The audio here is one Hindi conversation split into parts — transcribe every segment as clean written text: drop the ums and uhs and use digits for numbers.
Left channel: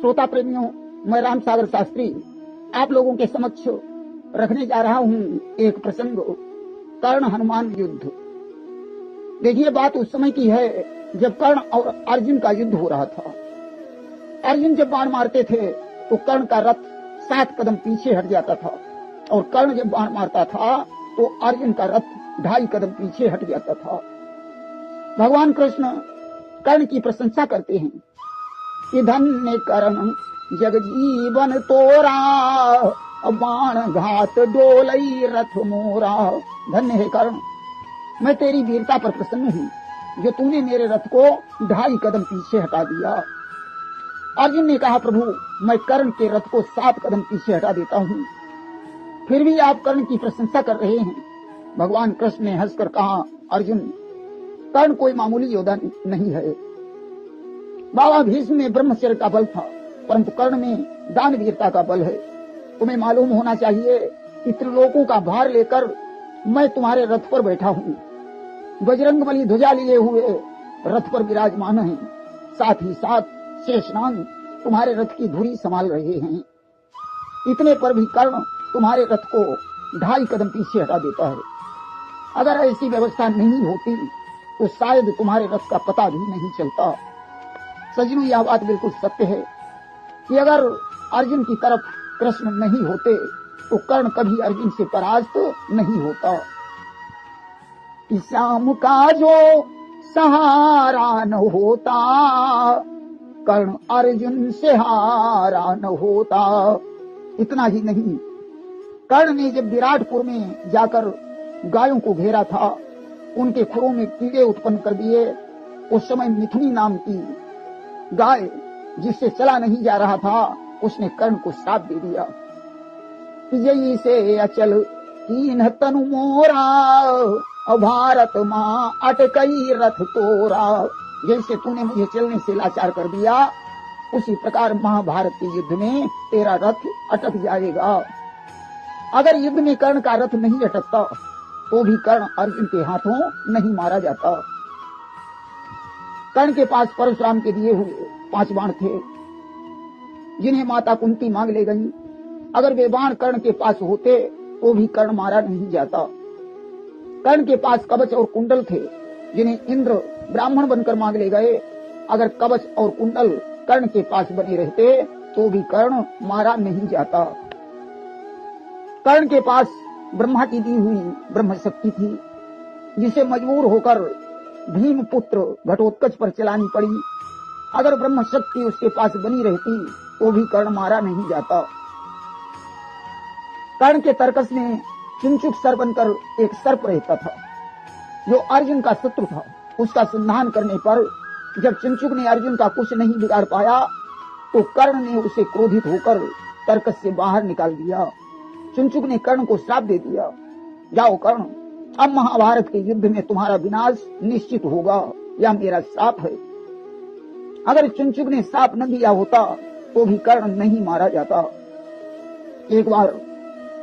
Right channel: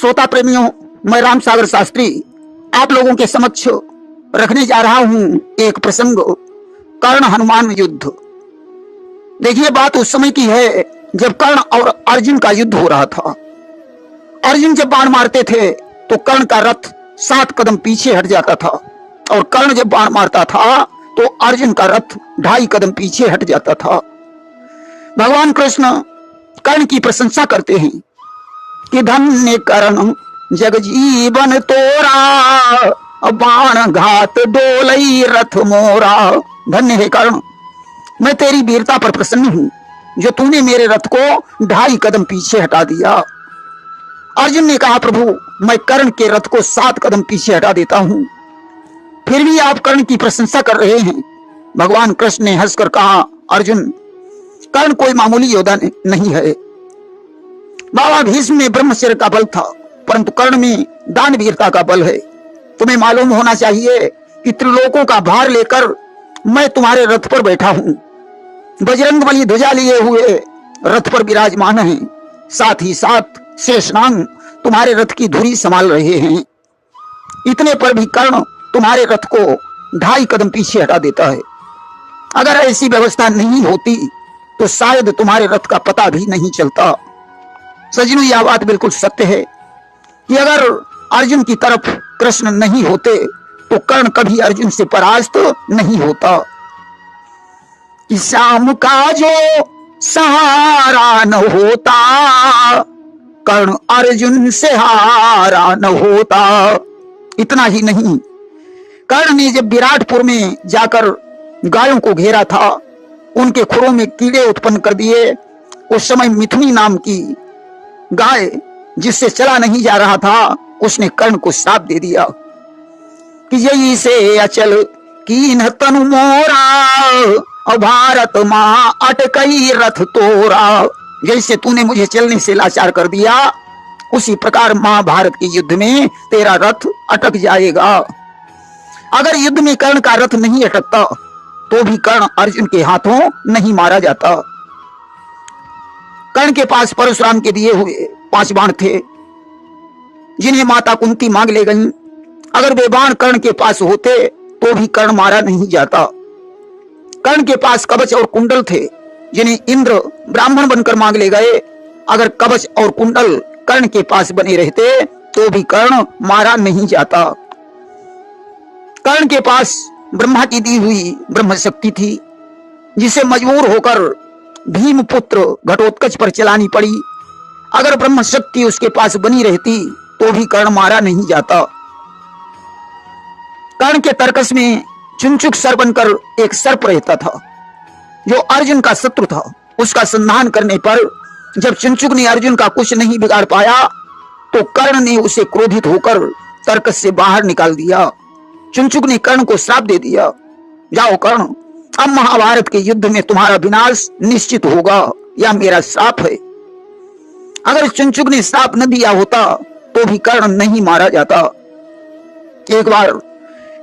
श्रोता प्रेमियों, मैं राम सागर शास्त्री आप लोगों के समक्ष रखने जा रहा हूं एक प्रसंग, कर्ण हनुमान युद्ध। देखिए, बात उस समय की है जब कर्ण और अर्जुन का युद्ध हो रहा था। अर्जुन जब बाण मारते थे तो कर्ण का रथ 7 कदम पीछे हट जाता था, और कर्ण जब बाण मारता था तो अर्जुन का रथ 2.5 कदम पीछे हट जाता था। भगवान कृष्ण कर्ण की प्रशंसा करते हैं कि धन्य कर्ण जग जीवन तोरा, बाण घात डोलई रथ मोरा। धन्य है कर्ण, मैं तेरी वीरता पर प्रसन्न हूं जो तूने मेरे रथ को 2.5 कदम पीछे हटा दिया। अर्जुन ने कहा, प्रभु मैं कर्ण के रथ को 7 कदम पीछे हटा देता हूं, फिर भी आप कर्ण की प्रशंसा कर रहे हैं। भगवान कृष्ण ने हंसकर कहा, अर्जुन कर्ण कोई मामूली योद्धा नहीं है। बाबा भीष्म में ब्रह्मचर्य का बल था, परंतु कर्ण में दानवीरता का बल है। तुम्हें मालूम होना चाहिए कि त्रिलोकों का भार लेकर मैं तुम्हारे रथ पर बैठा हूं। बजरंगबली ध्वजा लिए हुए रथ पर विराजमान है, साथ ही साथ शेषनाग तुम्हारे रथ की धुरी संभाल रहे हैं। इतने पर भी कर्ण तुम्हारे रथ को 2.5 कदम पीछे हटा देता है। अगर ऐसी व्यवस्था नहीं होती तो शायद तुम्हारे रथ का पता भी नहीं चलता। सजनों, यह बात बिल्कुल सत्य है कि अगर अर्जुन की तरफ कृष्ण नहीं होते तो कर्ण कभी अर्जुन से परास्त नहीं होता। कि श्याम का जो सहारा न होता, कर्ण अर्जुन से हारा न होता। इतना ही नहीं, कर्ण ने जब विराटपुर में जाकर गायों को घेरा था, उनके खुरों में कीड़े उत्पन्न कर दिए। उस समय मिथुनी नाम की गाय जिससे चला नहीं जा रहा था, उसने कर्ण को श्राप दे दिया कि यही से अचल कीन तनु मोरा, भारत मां अटकई रथ तोरा। जैसे तूने मुझे चलने से लाचार कर दिया, उसी प्रकार महाभारत के युद्ध में तेरा रथ अटक जाएगा। अगर युद्ध में कर्ण का रथ नहीं अटकता तो भी कर्ण अर्जुन के हाथों नहीं मारा जाता। कर्ण के पास परशुराम के दिए हुए 5 बाण थे, जिन्हें माता कुंती मांग ले गईं। अगर वे बाण कर्ण के पास होते तो भी कर्ण मारा नहीं जाता। कर्ण के पास कवच और कुंडल थे, जिन्हें इंद्र ब्राह्मण बनकर मांग ले गए। अगर कवच और कुंडल कर्ण के पास बने रहते तो भी कर्ण मारा नहीं जाता। कर्ण के पास ब्रह्मा की दी हुई ब्रह्म शक्ति थी, जिसे मजबूर होकर भीमपुत्र घटोत्कच पर चलानी पड़ी। अगर ब्रह्म शक्ति उसके पास बनी रहती तो भी कर्ण मारा नहीं जाता। कर्ण के तरकस में चुनचुक सर बनकर एक सर्प रहता था, जो अर्जुन का शत्रु था। उसका संधान करने पर जब चुनचुक ने अर्जुन का कुछ नहीं बिगाड़ पाया तो कर्ण ने उसे क्रोधित होकर तरकस से बाहर निकाल दिया। चुनचुक ने कर्ण को श्राप दे दिया, जाओ कर्ण, अब महाभारत के युद्ध में तुम्हारा विनाश निश्चित होगा, यह मेरा श्राप है। अगर चुनचुक ने श्राप न दिया होता तो भी कर्ण नहीं मारा जाता। एक बार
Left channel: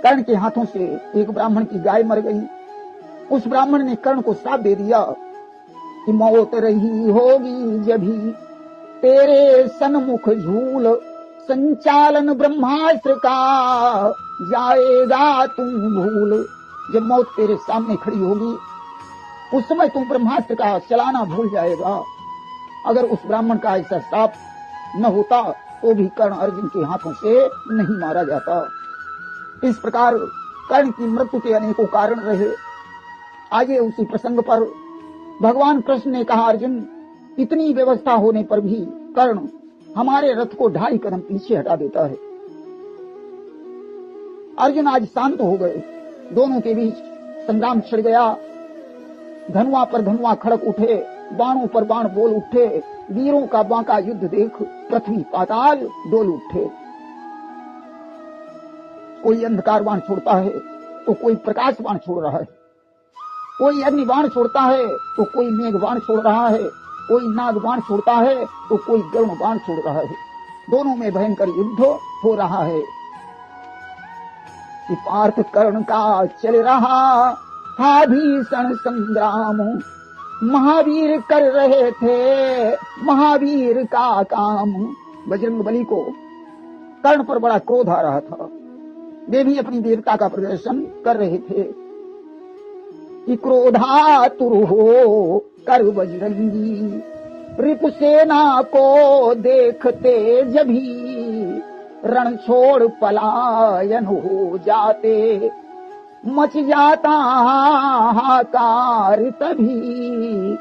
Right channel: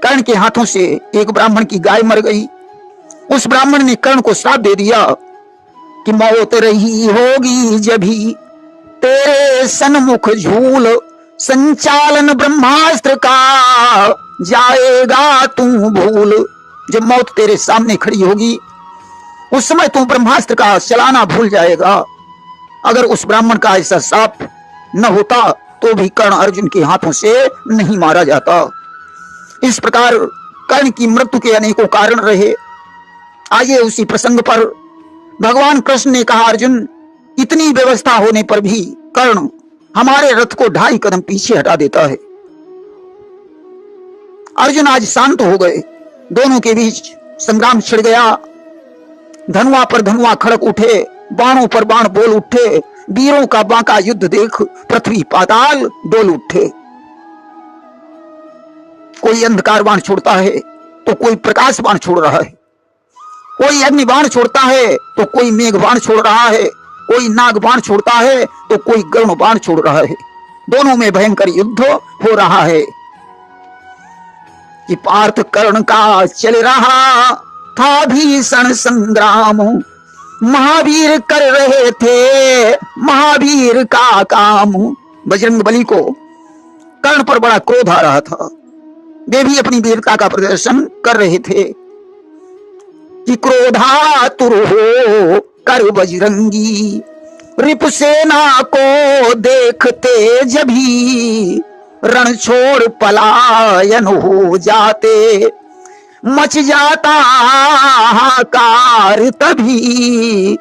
कर्ण के हाथों से एक ब्राह्मण की गाय मर गई। उस ब्राह्मण ने कर्ण को श्राप दे दिया कि मौत रही होगी जभी तेरे सन्मुख झूल, संचालन ब्रह्मास्त्र का जाएगा तू भूल। जब मौत तेरे सामने खड़ी होगी उस समय तू ब्रह्मास्त्र का चलाना भूल जाएगा। अगर उस ब्राह्मण का ऐसा श्राप न होता तो भी कर्ण अर्जुन के हाथों से नहीं मारा जाता। इस प्रकार कर्ण की मृत्यु के अनेकों कारण रहे। आइए उसी प्रसंग पर भगवान कृष्ण ने कहा, अर्जुन इतनी व्यवस्था होने पर भी कर्ण हमारे रथ को 2.5 कदम पीछे हटा देता है। अर्जुन आज शांत हो गए। दोनों के बीच संग्राम छिड़ गया। धनुआ पर धनुआ खड़क उठे, बाणों पर बाण बोल उठे। वीरों का बांका युद्ध देख पृथ्वी पाताल डोल उठे। कोई अंधकार बाण छोड़ता है तो कोई प्रकाश बाण छोड़ रहा है, कोई अग्नि बाण छोड़ता है तो कोई मेघ बाण छोड़ रहा है, कोई नाग बाण छोड़ता है तो कोई गरुण बाण छोड़ रहा है। दोनों में भयंकर युद्ध हो रहा है कि पार्थ कर्ण का चल रहा था भीषण संग्राम। महावीर कर रहे थे महावीर का काम, बजरंगबली को कर्ण पर बड़ा क्रोध आ रहा था। वे भी अपनी वीरता का प्रदर्शन कर रहे थे कि क्रोधातुर हो कर बजरंगी, रिपुसेना को देखते जभी, रण छोड़ पलायन हो जाते, मच जाता हाहाकार तभी।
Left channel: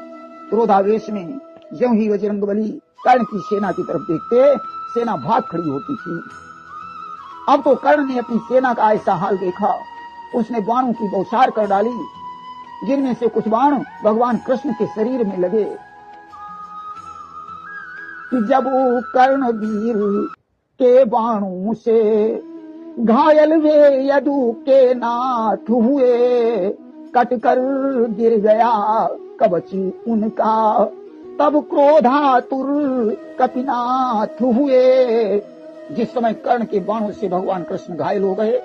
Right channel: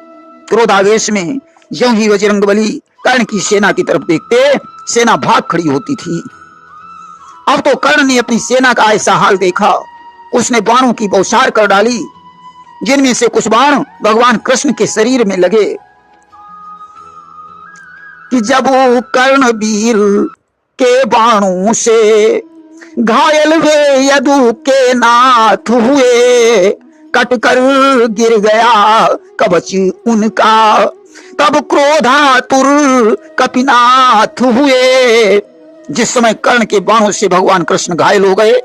क्रोधावेश में ज्यों ही बजरंगबली कर्ण की सेना की तरफ देखते, सेना भाग खड़ी होती थी। अब तो कर्ण ने अपनी सेना का ऐसा हाल देखा, उसने बाणों की बौछार कर डाली, जिनमें से कुछ बाण भगवान कृष्ण के शरीर में लगे कि जब वो कर्ण वीर के बाणों से घायल वे यदु के नाथ हुए, कटकर गिर गया कवच उनका, तब क्रोधातुर कपिनाथ हुए। जिस समय कर्ण के बाणों से भगवान कृष्ण घायल हो गए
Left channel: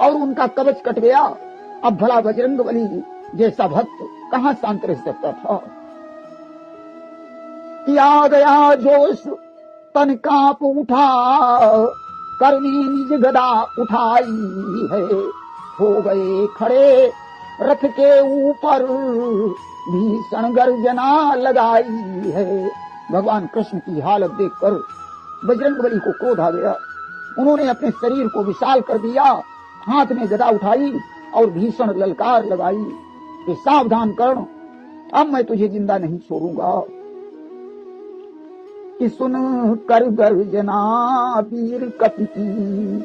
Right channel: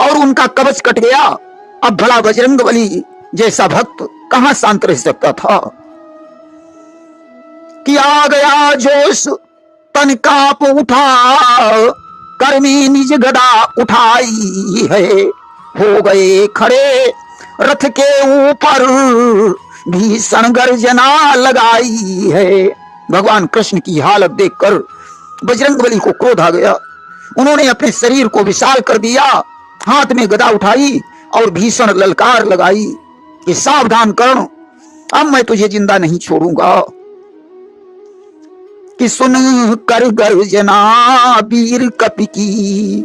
और उनका कवच कट गया, अब भला बजरंगबली जैसा भक्त कहां शांत रह सकता था कि आ गया जोश तन कांप उठा, कर में निज गदा उठाई है, हो गए खड़े रथ के ऊपर, भीषण गर्जना लगाई है। भगवान कृष्ण की हालत देखकर बजरंगबली को क्रोध आ गया। उन्होंने अपने शरीर को विशाल कर दिया, हाथ में गदा उठाई और भीषण ललकार लगाई कि सावधान कर्ण, अब मैं तुझे जिंदा नहीं छोड़ूंगा। कि सुन कर गर्जना वीर कपि की,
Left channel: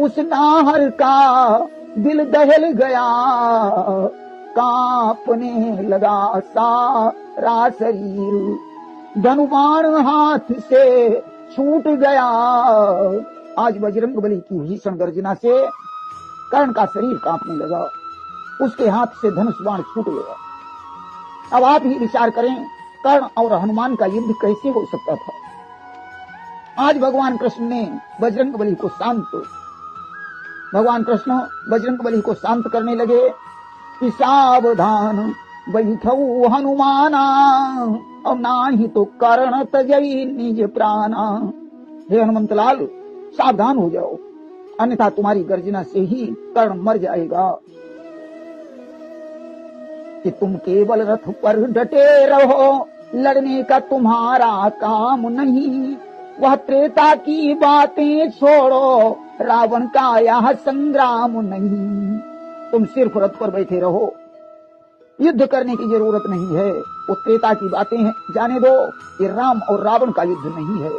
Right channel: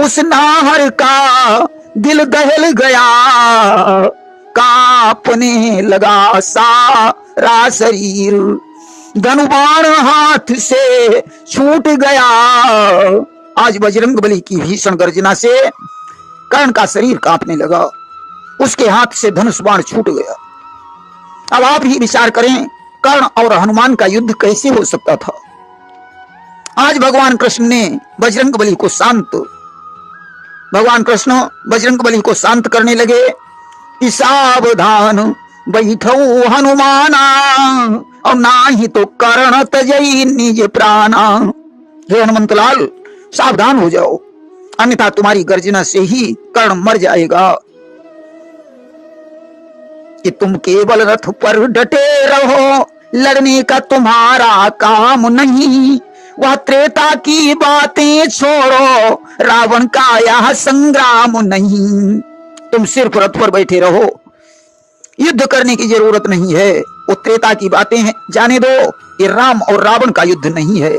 उस नाहर का दिल दहल गया, कांपने लगा सारा शरीर, धनुबाण हाथ से छूट गया। आज बजरंगबली की भीषण गर्जना से कर्ण का शरीर कांपने लगा, उसके हाथ से धनुष बाण छूट गया। अब आप ही विचार करें, कर्ण और हनुमान का युद्ध कैसे हो सकता था। आज भगवान कृष्ण ने बजरंगबली को बजरंगबली को शांत करने लगे कि सावधान बैठो हनुमाना, और ना ही तो कर्ण तजई निज प्राणा। हे हनुमंतलाल, सावधान हो जाओ, अन्यथा तुम्हारी गर्जना से ही कर्ण मर जाएगा। कि तुम केवल रथ पर डटे रहो, लड़ने का तुम्हारा काम नहीं, वह त्रेता की बातें छोड़ो, रावण का यह संग्राम नहीं। तुम सिर्फ रथ पर बैठे रहो, युद्ध करने की जरूरत नहीं है, वो त्रेता की बातें हैं, जाने दो। ये राम और रावण का युद्ध नहीं है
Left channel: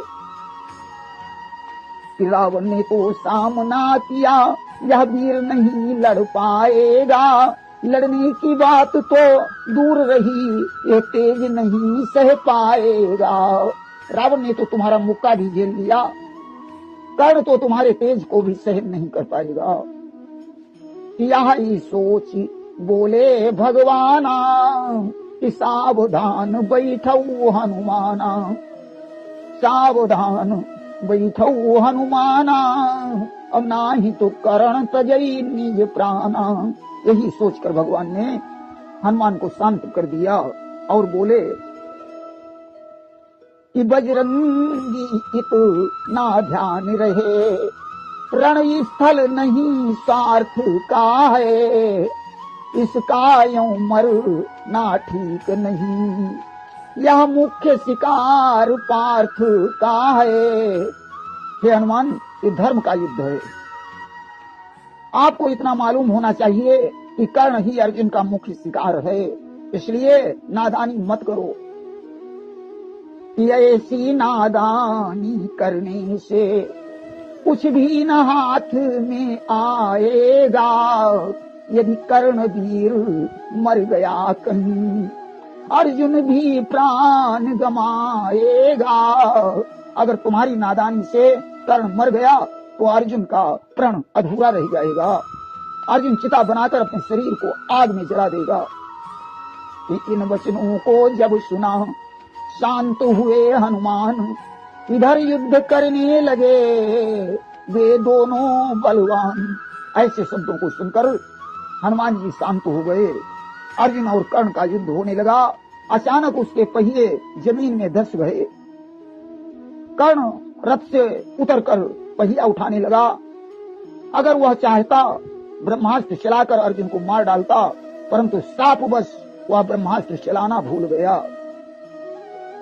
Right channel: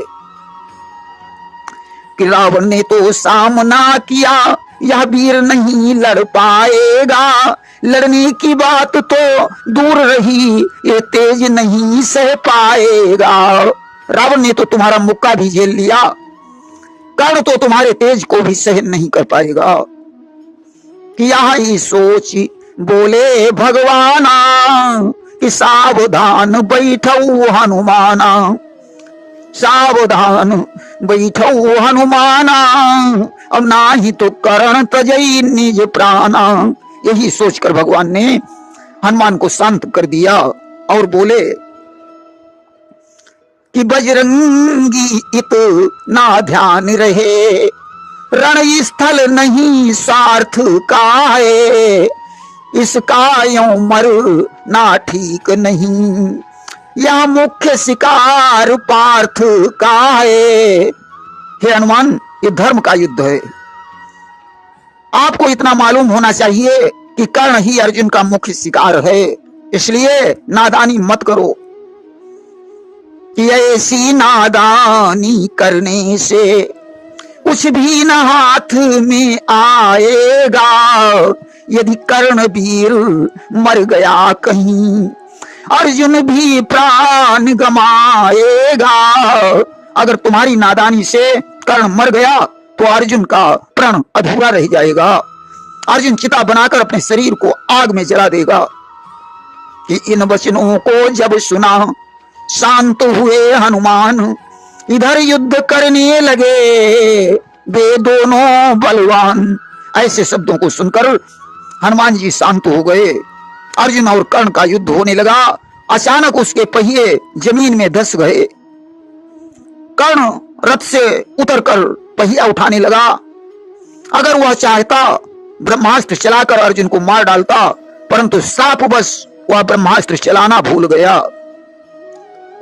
कि रावण ने तो सामना किया, यह वीर नहीं लड़ पाएगा, लड़ने की बात तो दूर रही, ये तेज नहीं सह पाएगा। रावण ने तो तुम्हारा मुक्का भी झेल लिया, कर्ण तो तुम्हारे तेज को भी सहन नहीं कर पाएगा। कि यही सोच बोले भगवाना, कि सावधान बैठो हनुमाना, सावधान बैठो हनुमाना, अब ना ही तो कर्ण तजई निज प्राणा। यही सोचकर भगवान ने हनुमान को शांत कर दिया और बोले कि बजरंगी इतना ध्यान रहे, रण स्थल नहीं स्वार्थ का है, इसका यों मरना ठीक नहीं, यह मुख्य शिकार पार्थ का है। हे हनुमान, ये धर्म का युद्ध है। आपको इतना मालूम होना चाहिए कि कर्ण ही अर्जुन का मुख्य शिकार है, इसलिए नादानी मत करो। कि ऐसी नादानी करने से कुछ भी न हाथ में आएगा, यदि कर्ण वीर मर गया कहीं, अर्जुन भी प्राण गमाएगा। अगर तुम्हारी नादानी से कर्ण मर गया तो अर्जुन का प्राण अधूरा रह जाएगा। अर्जुन चिता बनाकर अपने शरीर को आग में जला देगा। कि इन वचनों को जब सुना शांत हुए हनुमान, इधर युद्ध करने लगे वे दोनों बलवान। ऐसे शब्दों को सुनकर हनुमान जी शांत हो गए। अर्जुन और कर्ण का युद्ध होने लगा। अचानक उसके पहिए जमीन में धंस गए। कर्ण रथ से उतरकर पहिया उठाने लगा। अगर वह चाहता ब्रह्मास्त्र चलाकर अर्जुन को मार डालता, परंतु शापवश वह ब्रह्मास्त्र चलाना भूल गया।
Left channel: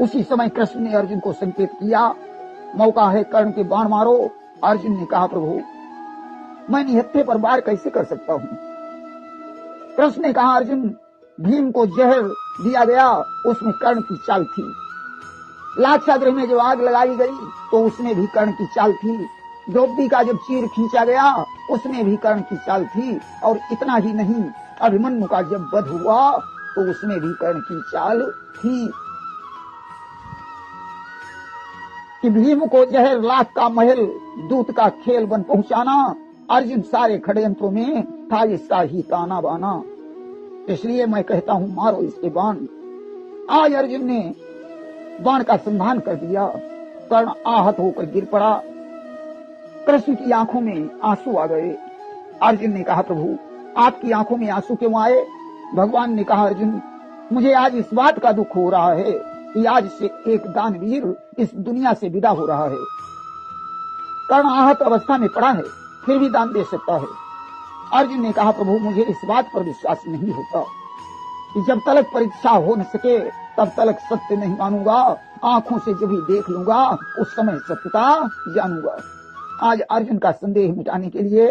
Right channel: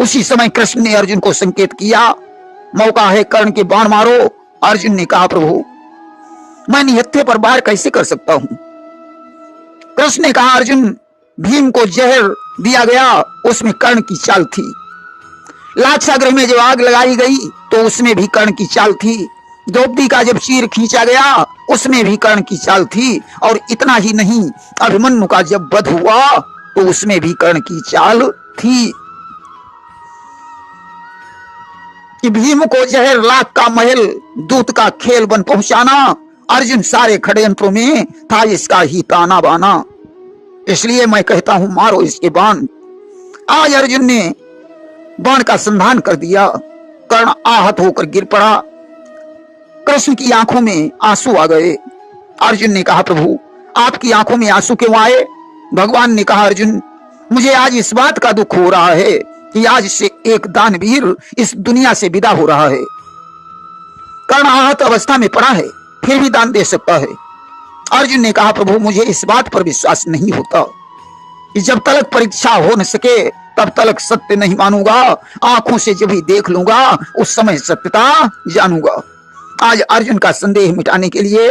उसी समय कृष्ण ने अर्जुन को संकेत किया, मौका है, कर्ण के बाण मारो। अर्जुन ने कहा, प्रभु मैं निहत्थे पर वार कैसे कर सकता हूं? कृष्ण ने कहा, अर्जुन भीम को जहर दिया गया, उसमें कर्ण की चाल थी। लाक्षागृह में जब आग लगाई गई तो उसमें भी कर्ण की चाल थी। द्रौपदी का जब चीर खींचा गया उसमें भी कर्ण की चाल थी। और इतना ही नहीं, अभिमन्यु का जब वध हुआ तो उसमें भी कर्ण की चाल थी। कि भीम को जहर, लाख का महल, दूत का खेल बन पहुंचाना, अर्जुन सारे षड्यंत्रों में था इसका ही ताना बाना। इसलिए मैं कहता हूं, मारो इसके बाण। आज अर्जुन ने बाण का संधान कर दिया। कर्ण आहत होकर गिर पड़ा। कृष्ण की आंखों में आंसू आ गए। अर्जुन ने कहा, प्रभु आपकी आंखों में आंसू क्यों आए? भगवान ने कहा, अर्जुन मुझे आज इस बात का दुख हो रहा है कि आज से एक दानवीर इस दुनिया से विदा हो रहा है। कर्ण आहत अवस्था में पड़ा है, फिर भी दान दे सकता है। अर्जुन ने कहा, प्रभु मुझे इस बात पर विश्वास नहीं होता कि जब तक परीक्षा हो न सके तब तक सत्य नहीं मानूंगा। आंखों से जब भी देख लूंगा उस समय सत्यता जानूंगा। आज अर्जुन का संदेह मिटाने के लिए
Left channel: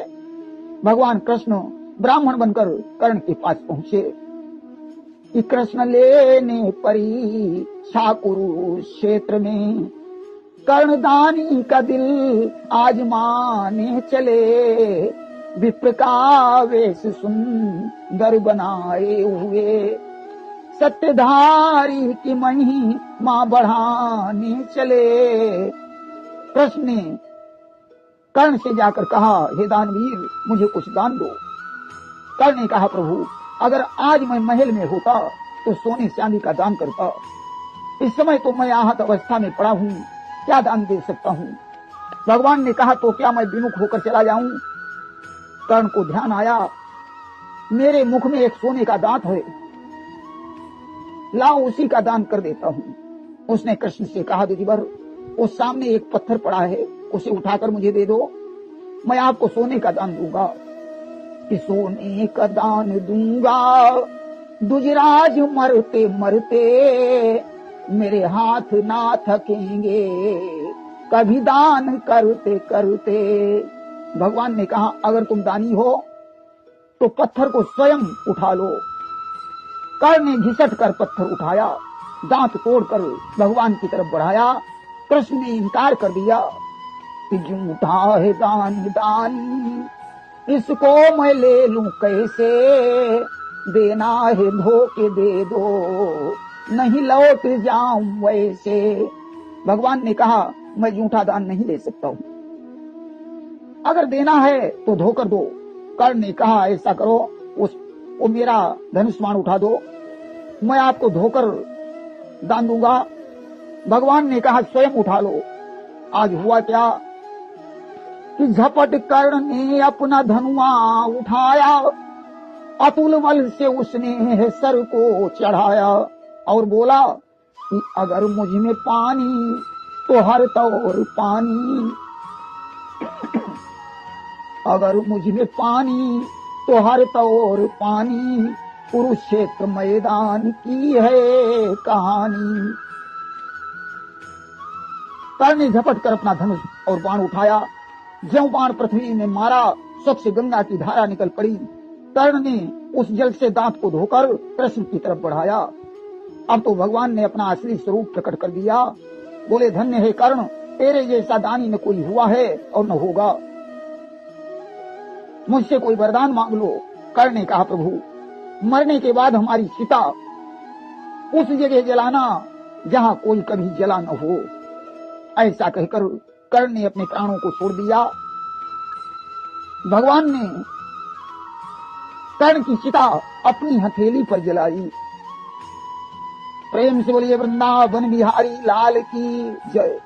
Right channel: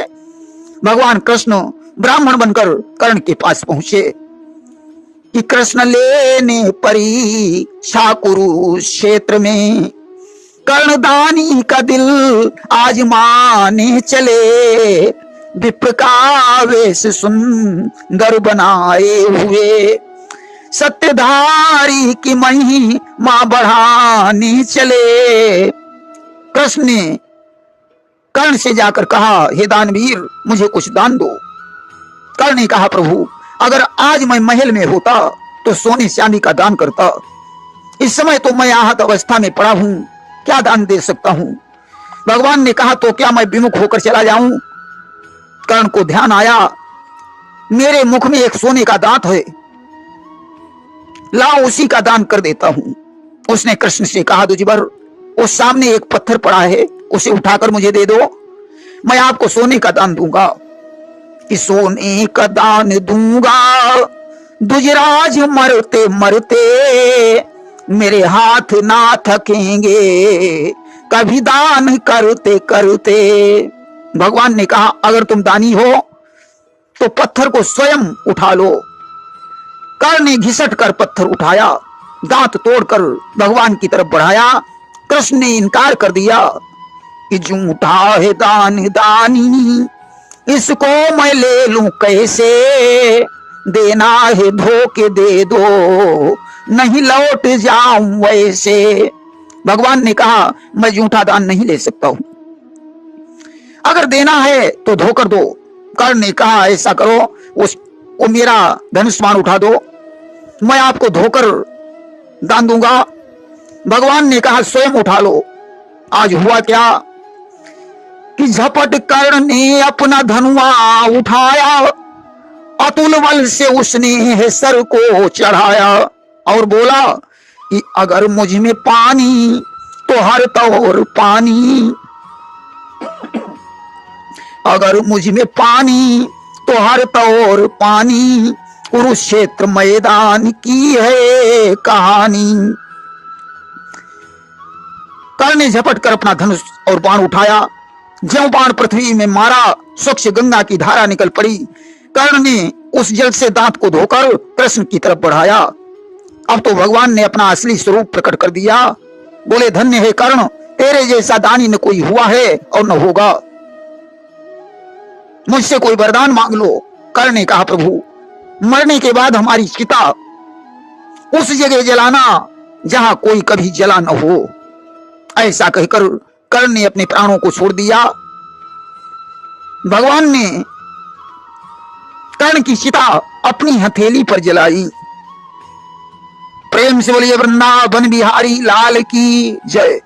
भगवान कृष्ण ब्राह्मण बनकर कर्ण के पास पहुंचे कि कृष्ण लेने परीक्षा कुरुक्षेत्र में, कर्णदानी का दिल आज माने चले, विप्र का वेश सुंदर बनाए हुए, सत्यधारी की महिमा बढ़ाने चले। कृष्ण ने कर्ण से जाकर कहा, हे दानवीर मुझे कुछ दान दो। कर्ण ने कहा, प्रभु अगर आज मैं महल में होता तो सोने चांदी का दान करता। इस समय तो मैं आहत अवस्था में पड़ा हूं, क्या दान दे सकता हूं? भगवान ने कहा, तो क्या मैं विमुख होकर चला जाऊं? कर्ण को ध्यान आया, मेरे मुख में एक सोने का दांत है, लाओ उसी का दान कर देता हूं। उसने कृष्ण से कहा, दुजिबर उस सामने एक पत्थर पड़ा है, उसे उठाकर मुझे दे दो, मैं आपको सोने का दान दूंगा। कि सोने का दान दूंगा दुजराज मरते मरते, मेरे हाथ ना थकेंगे कभी दान करते करते। भगवान ने कहा, अगर तुम दानी हो तो पत्थर को स्वयं उठा लो। कर्ण ने घिसट कर पत्थर उठाया, दांत तोड़कर भगवान की तरफ बढ़ाया। कृष्ण ने इनकार कर दिया कि झूठा है दान दानी, इसको मैं ले लूं कैसे, देना है धोखे दे दो, नहीं लौट जाऊं वैसे। भगवान ने कहा, मैं झूठा दान नहीं ले सकता हूं, अगर देना है तो धोकर दो। कर्ण ने कहा, ऐसा करो, वो मेरा धनुष बाण उठा दो, मैं आपको धोकर दान दूंगा। भगवान ने कहा, स्वयं उठा लो। आज हुआ क्या कि झपट कर्ण ने अपना धनुआ उठाया, अतुल बल से उसने सर को चढ़ाया और बोला कि अगर मुझ में पानी तो हर तौर पानी, अगर मुझ में पानी तो हर तौर पानी, कुरुक्षेत्र मैदान की है कहानी। कर्ण ने झपट कर अपना धनुष और बाण उठाया, ज्यों बाण पृथ्वी में मारा स्वच्छ गंगा की धारा निकल पड़ी। कर्ण ने उस जल से दांत को धोकर कृष्ण की तरफ बढ़ाया। अब तो भगवान ने अपना असली स्वरूप प्रकट कर दिया। बोले, धन्य है कर्ण, तेरे जैसा दानी न कोई हुआ है और न होगा, मुझसे कोई वरदान मांग लो। कर्ण ने कहा, प्रभु मरने के बाद हमारी चिता उस जगह जलाना जहां कोई कभी जला न हो। ऐसा कहकर कर्ण ने अपने प्राणों को छोड़ दिया। भगवान ने कर्ण की चिता अपनी हथेली पर जलाई। प्रेम से बोलिए वृंदावन बिहारी लाल की जय।